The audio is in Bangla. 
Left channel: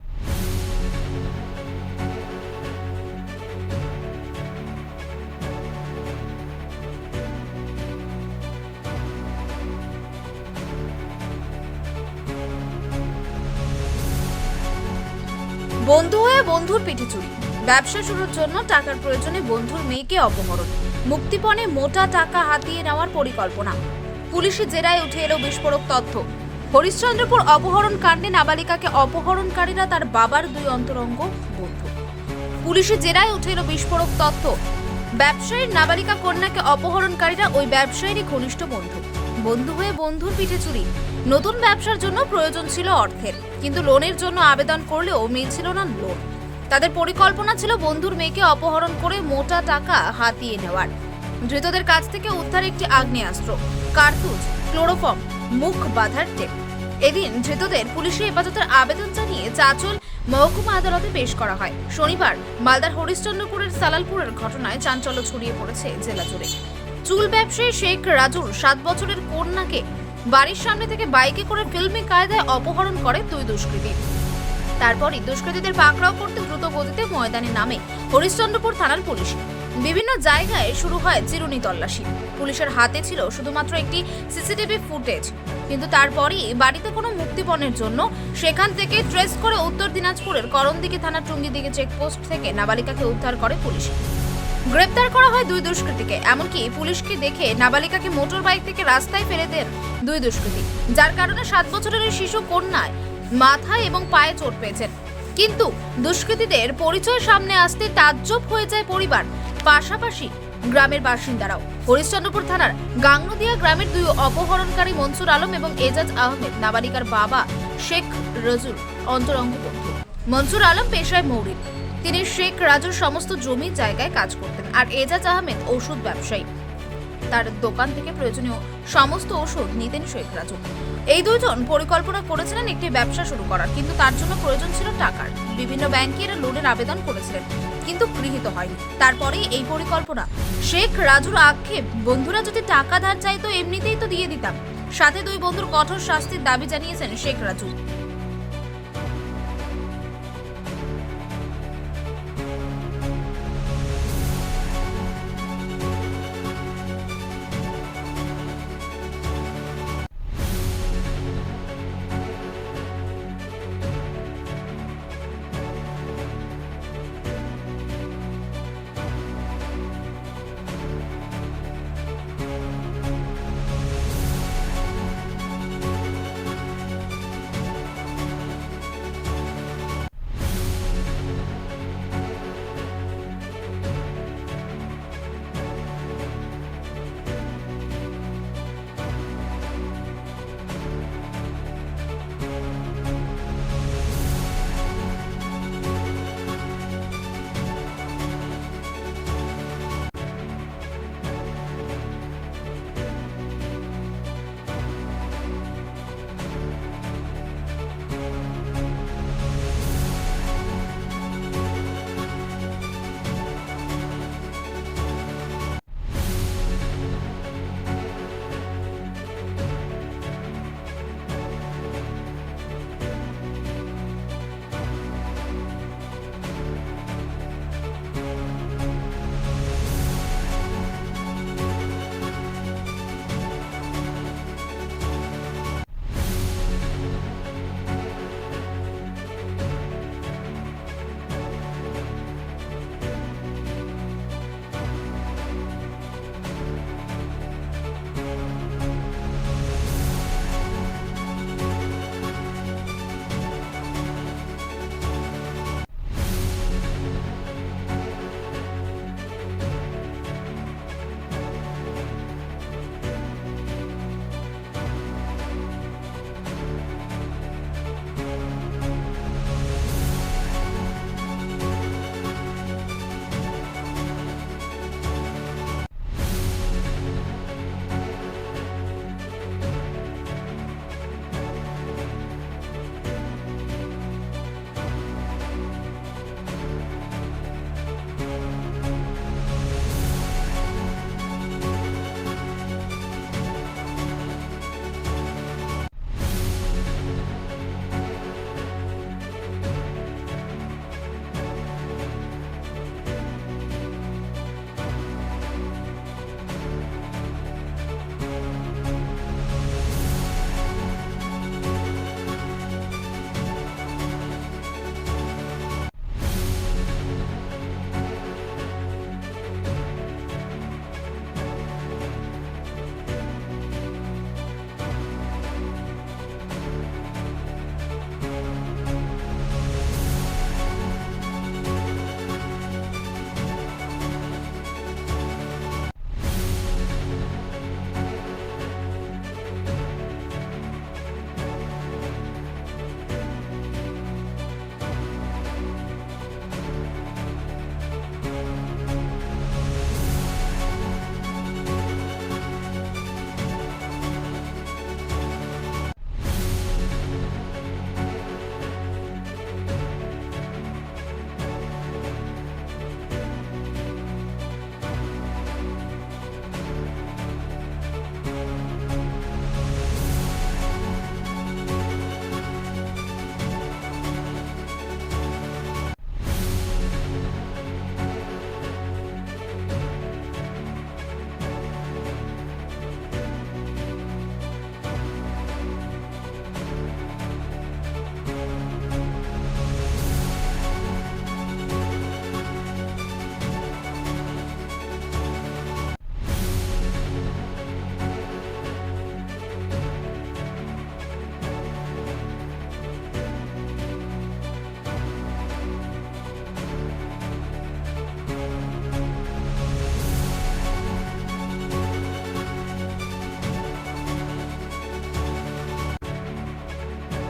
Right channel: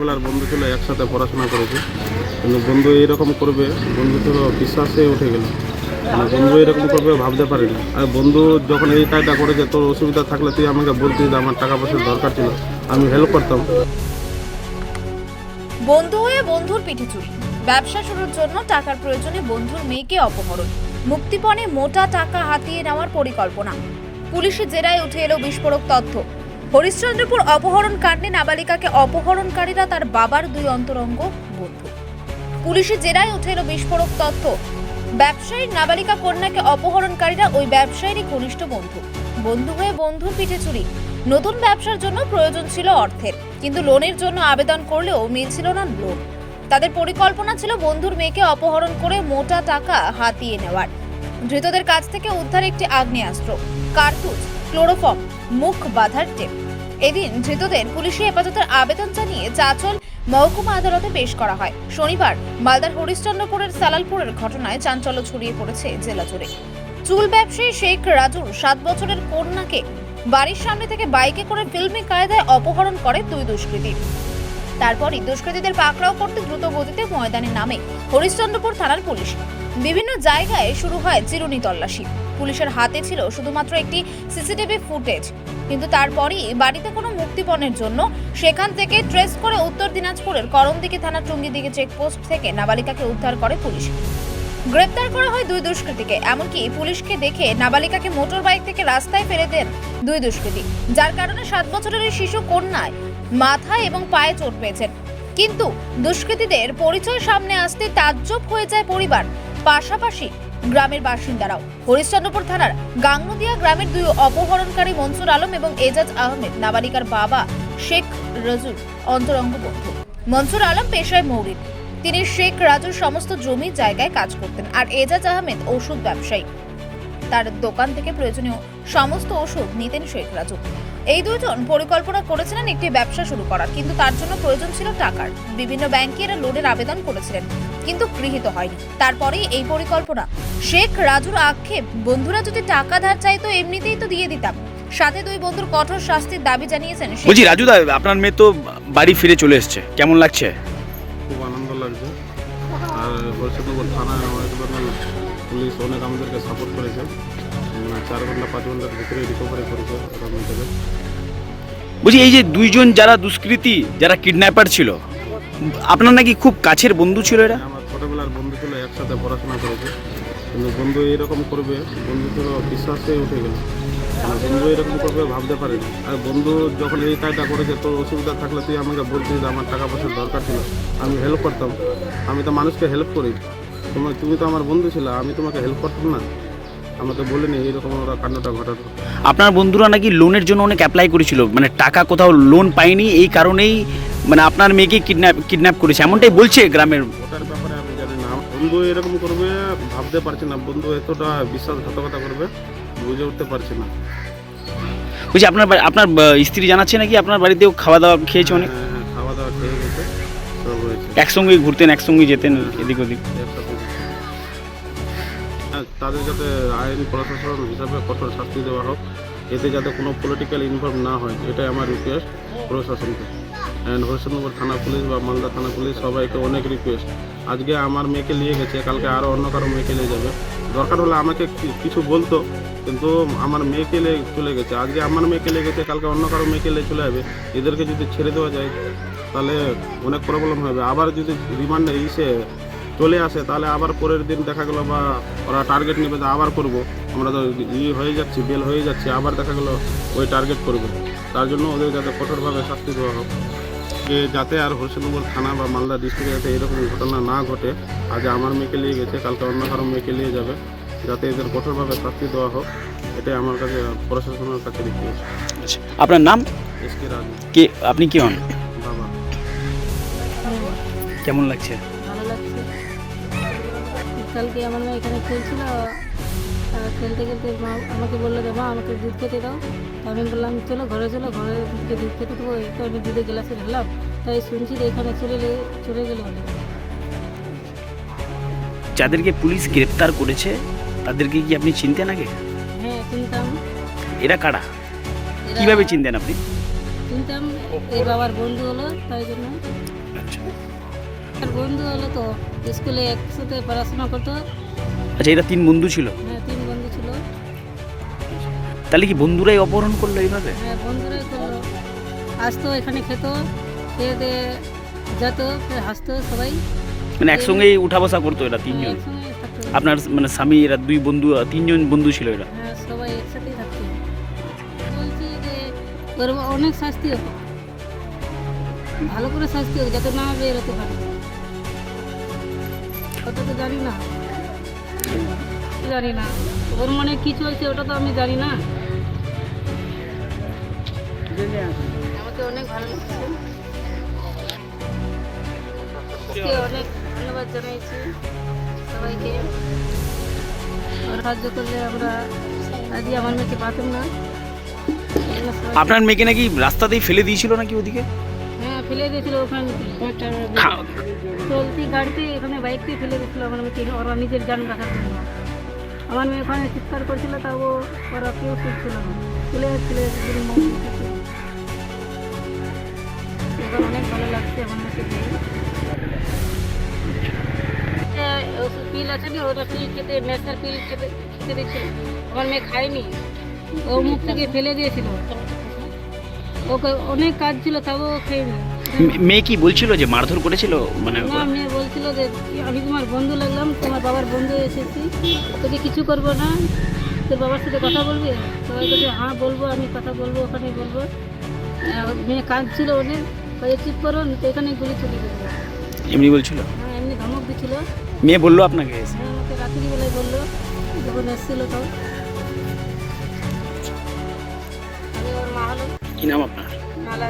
ছোটবেলার বন্ধু ছিল একসাথে পড়াশোনা করেছি। কিন্তু বন্ধু এইরকম করবে, বন্ধু ছিল বিশ্বাসে উঠে গেল। মানে বন্ধু এরকম করবে ভাবতে পারিনি। আর বন্ধু যখন এই কাজটা করেছে, তোর অসুবিধা থাকলে তুই আমাকে বলতি আমার টাকা পয়সার দরকার ছিল। আমি হেল্প করতাম। বন্ধু হয়ে বন্ধুর পিঠে চুরি। ব্যবসা শুরুর জন্য টাকার প্রয়োজনে বন্ধুর মেয়েকে অপহরণ। মুক্তিপণে মোটা টাকা হাতিয়ে নেওয়ার পরিকল্পনা। পুলিশি জেরায় উঠে এলো বিস্ফোরক তথ্য। হরিশ্চন্দ্রপুর অপহরণ কাণ্ডে নাবালিকাকে অপহরণকারীরা তার বাবার দুই অন্তরঙ্গ বন্ধু। পুলিশি জেরায় উঠে এলো বিস্ফোরক তথ্য। ব্যবসায়ীর নাবালিকা কন্যাকে অপহরণকারীরা ওই ব্যবসায়ীরই ঘনিষ্ঠ বন্ধু। বন্ধু হয়ে বন্ধুর পিঠে চুরি। নতুন ব্যবসার জন্য প্রয়োজন ছিল অর্থের, কিন্তু লোনের জন্য আবেদন করলেও মিলছিল না লোন। তাদের পরিকল্পনা ছিল বন্ধুর মেয়েকে অপহরণ করে মোটা টাকা হাতিয়ে নেওয়ার। ধৃতদের কাছ থেকে উদ্ধার একটি আগ্নেয়াস্ত্র, কার্তুজ, ক্লোরোফর্ম মুখ বাঁধার টেপ। এদিন ধৃতদের পুলিশি হেফাজতের আবেদন জানিয়ে চাচল মহকুমা আদালতে পেশ করা হয়। শনিবার মালদার হরিশ্চন্দ্রপুরের সালালপুরের ঘটনায় চাঞ্চল্য ছড়িয়ে পড়েছে জেলা জুড়ে। চুল ব্যবসায়ী শেখ রাজুর সাত বছরের কন্যাকে বাড়ির সামনে থেকে বাইকে করে ফিল্মি কায়দায় অপহরণ করে দুই দুষ্কৃতী। তারপরই দুষ্কৃতীদের পাকড়াও করতে দ্রুত গতিতে ময়দানে নামে হরিশ্চন্দ্রপুর থানার পুলিশ। বিভিন্ন জায়গায় শুরু হয় চিরুনি তল্লাশি। পুলিশের হাতে ছিল শুধুমাত্র একটি সিসিটিভি ফুটেজ। কিন্তু তারপরই বাড়িতে কোনো মুক্তিপণের জন্য সেখান থেকে ট্রেস করে উত্তর দিনাজপুরের করণদিঘি থানার টুঙ্গিদিঘি চেকপোস্ট থেকে নাবালিকাকে উদ্ধার করে পুলিশ। গ্রেপ্তার করা হয় দুই দুষ্কৃতীকে, এমনকি পুলিশকে দেখে নাবালিকাকে মোটর বাইক থেকে রাস্তায় ফেলে দেন দুই দুষ্কৃতী, যার কারণে সাত বছরের এই শিশু কন্যায় মাথায় এবং পায়ে চোট পেয়েছেন। কিন্তু দুষ্কৃতীদের পরিচয় সামনে আসতে তাজ্জব হয়ে যায় পরিবার। পাশাপাশি গ্রামের বাসিন্দারাও। হরিশ্চন্দ্রপুর থানার গাংনদিয়া গ্রামের দুই অপহরণকারী মনসুর আলম এবং এজাজ আহমেদ, নাবালিকার বাবা শেখ রজুর অন্তরঙ্গ বন্ধু। মনসুর আলম পেশায় মৌরিন তিনি শেখ রাজুর সমস্ত জমি জায়গায় কাজ করতেন আর এজাজ আহমেদ ওষুধ ব্যবসায়ী। তার দোকান থেকে প্রয়োজনীয় সমস্ত ওষুধ নিতেন শেখ রাজু। এই দুজন পরিকল্পনা করেছিলেন একটি ব্যবসা শুরু করার, কিন্তু তার জন্য প্রয়োজন ছিল টাকার। বিভিন্ন ব্যাংকে এরা লোনের আবেদন করেছিলেন, কিন্তু গৃহীত হয়নি। তারপরেই এই পরিকল্পনা। শেখ রাজুর আক্ষেপ, বন্ধুরা যদি টাকা ধার চাইতো, এমনিতেই তো দিয়ে দিতাম। সাথে দুই বন্ধুর কঠোর শাস্তির দাবি জানিয়েছেন বলছি, রাজু দা, আপনার মেয়ে তো বাড়ি ফিরে চলে এসেছে। কেমন লাগছে? চার ঘণ্টা পাঁচ ঘণ্টার ভিতরে রিকভারি করেছে বলছি এই যে দুইজন যারা দুষ্কৃতী যারা কিডন্যাপার ছিল আপনার নাকি খুব কাছের বন্ধু ছিল এরা? আমার ছোটবেলার বন্ধু ছিল একসাথে পড়াশোনা করেছে। কিন্তু বন্ধু এরকম করবে বন্ধু ছিল বিশ্বাসে উঠে গেল। মানে বন্ধু এরকম করবে ভাবতে পারিনি। আর বন্ধু যখন এই কাজটা করেছে তোর অসুবিধা থাকলে তুই আমাকে বলছিস যে আমার টাকা পয়সার দরকার ছিল আমি হেল্প করতাম। আমি তো মানুষকে হেল্প করি। তোমার তুমি তো আমার বন্ধু ছিল আমি তোমাকে হেল্প করতাম না। আমাকে বলিনি এইরকম ওরা কাণ্ডটা ঘটাতো আপনার বন্ধুরা নাকি লোনের জন্য অনেক অ্যাপ্লাই করেছিল মানে টাকা কোথাও লোন পায়নি এই কারণেই মানে আপনার মেয়েকে কিডন্যাপ কিডন্যাপ করেছে এমনটাই বলছে গ্রামের ওটার ব্যাপারে আমি জানি না। বন্ধু এরকম করবে ভাবতে পারছি না। বন্ধু এতটা বিশ্বাসঘাতকতা করবে বুঝে উঠতে পারছি না। বলছি আপনার আপনার আহ, স্ত্রী জানাচ্ছে নাকি আপনার বাড়িতেও খাওয়া দাওয়া খেয়েছে অনেক? হ্যাঁ, খাওয়া দাওয়া খেয়ে গেছে সব হয়েছে। একসঙ্গে ঘুরতেন একসঙ্গে যেতেন এদিক ওদিক। হ্যাঁ, তাদের যাতে আইন প্রশাসন হিসাবে কঠোর শাস্তি দেওয়া হোক, এতে যাতে কোনো পলিটিক্যাল ইনভলভ না হয়, এটাই আমার রিকোয়েস্ট প্রশাসনকে। অ্যান্ড হরিশ্চন্দ্রপুর থানা পুলিশ বা মালদা থানা পুলিশ সবাইকে অনেক রিকোয়েস্ট আজকে আমার মেয়েকে নিয়ে গেছে, কালকে আরও অন্য কারও মেয়েকে নিয়ে যাবে। দরকার হলে আমাকে কিছু বলতো, কিন্তু আমার মেয়েকে চলে গেছে। আজকে আমার মেয়েকে গেছে, কালকে অন্য কারও মেয়েকে নিয়ে চলে যাবে। এদেরকে যদি ছেড়ে দেওয়া যায়, তাহলে অনেক প্রবলেম হবে। আবার যদি রিমান্ডে ইসে চলে আসে তাহলে আবার পরের দিন দেখা গেলো বা ওরা টার্গেট নেবে যে আবার করব। আমরা তো ইয়ে হয়ে যাচ্ছি বেল হয়ে যাচ্ছি আবার দেখা গেলো ওই টার্গেট করবে। তার জন্য ওদের যাতে কঠোরভাবে শাস্তি দেওয়া হোক। যে যাতে আর হরিশ্চন্দ্রপুর থানা বা মালদা ডিস্ট্রিক্টে যাতে এরকম ঘটনা না ঘটে আজ আমার মেয়েকে নিয়ে গেছে কালকে অন্য কারও মেয়েকে নিয়ে যাবে যাতে এদের কঠোরভাবে শাস্তি দেওয়া হোক এটাই আমার কাছে প্রশাসনের কাছে আচ্ছা, আপনার নাম? কে আপনি কি হন? বাবা। কেমন লাগছে? কালকে আমার মেয়ে এখানে খেলছিল খেলতে খেলতে মা আমাকে বলল যে মা আমাকে দুধ খেতে দাও। তো আমি বললাম চলো ঘরে চলো ঘরে গিয়ে দুধ খেতে দেবো। এই তো আমি দুধের গ্লাসে ঢেলাম তাই শুনছি যে এখানে চলে চলে গেল। যাদেরকে পুলিশ গ্রেপ্তার করেছে তাদেরকে কি আপনি চিনতেন আগে? হ্যাঁ চিনতাম। এরা কারা? কীভাবে চিনতেন আপনি? চিনতাম এই বাবার বন্ধু হলো তাই জন্য। আর বন্ধু হলো তো স্কুলে একসাথে পড়াশোনা করতো। আচ্ছা এরা তিন বন্ধু ছিল? হ্যাঁ তিন বন্ধু ছিল। তাহলে কি বন্ধুরাই অপহরণ করল এইভাবে? হ্যাঁ বন্ধুরা আসতো এখানে খেত খেয়ে দিয়ে যেত ফের হাসতো সবাই। মানে একসঙ্গেই উঠা বসা করতো এরা তিনজন? একসঙ্গে থাকতো। আপনার মানে স্বামী এরা দুই বন্ধু তিনজন বন্ধু ছিল এরা? হ্যাঁ সবাই একসাথেই থাকতো। বলছি যে তোর অনেক শাস্তি ভালো করে শাস্তি হোক যাতে না বেরোতে পারে। জানি না। জানি না। ওর মনে কি চলছে ওটা তো আমি জানি না। আমাকে অনেক ভালো অনেক ধন্যবাদ জানাইছি সবাইকে। সাহায্য করলে আমরা আজকে আমার মেয়েকে পাতাম না। আপনার মেয়েকে নাকি রাস্তাতেই ফেলে দিয়েছিল নাকি ওদিকে? হ্যাঁ ফেলে দিয়েছিল ওখানে চলতি গাড়িতে এখানে বাইকতে ফেলে দিয়েছিল আমার মেয়েকে, ওরা নিজের যান রাখার জন্য আমার মেয়ে ওখানে চিৎকার করছিল, তা ওরা কেউ শুনছিল না। চলে। এবার অনেক ভালো লাগছে আমার পিল আছে না, ওটা পিল খেতে নেশার পিল খেতে খেতে আমার মেয়ে খায়নি। ও মুখ থেকে ফেলে দিয়েছিল। ওকে অনেক কাজ ছিল, তাও মে- মেয়ে কি বলছিল যে মারধর করেছিল? মানে না মেয়ে বলছিল যে আমি তোমার বন্ধু লাগলাম তোমার বাবার বন্ধু এসেছি তোকে কিছু করব না। তোর বাবার সাথে কথা বলবি? বলছে হ্যাঁ বলব আমি কথা বলব ওখানে বলব। মেয়ে কাঁদছিল অনেক ওই চুপ করো তো এখানে ঘুরে চলে যাবে। এমনি বলছিল? হ্যাঁ এমনি ধমক দিছিল। মেয়ে বলল আপনাকে? হ্যাঁ রাত্রিবেলায় বলল যখন এসেছিল তো। আমি কি নাম আপনার? মালা।